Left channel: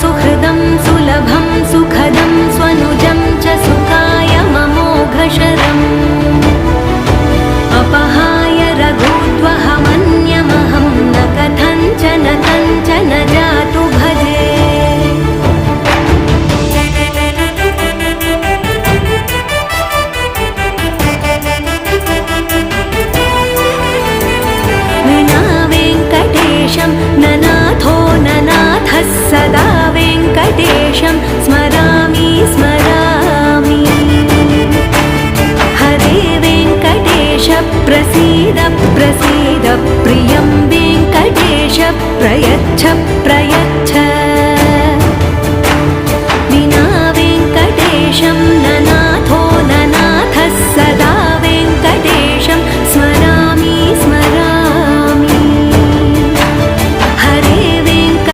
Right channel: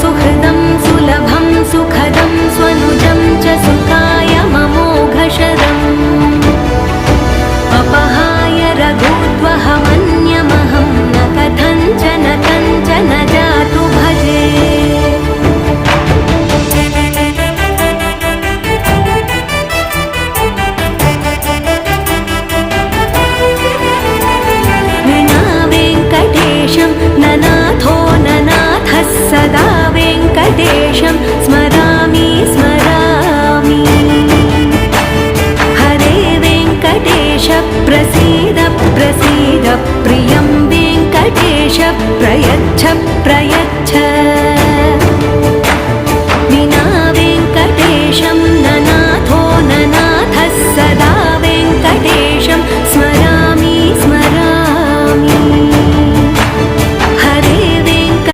सुहृदं सुलभं सुखदं स्वनुजं च सुखाय ममोघशरम् अपहाय रघुद्वहमन्यमहं न कथञ्चन कञ्चन जातु भजे। विना वेङ्कटेशं ननाथो ननाथः सदा वेङ्कटेशं स्मरामि स्मरामि। हरे वेङ्कटेश प्रसीद प्रसीद प्रियं वेङ्कटेश प्रयच्छ प्रयच्छ। विना वेङ्कटेशं ननाथो ननाथः सदा वेङ्कटेशं स्मरामि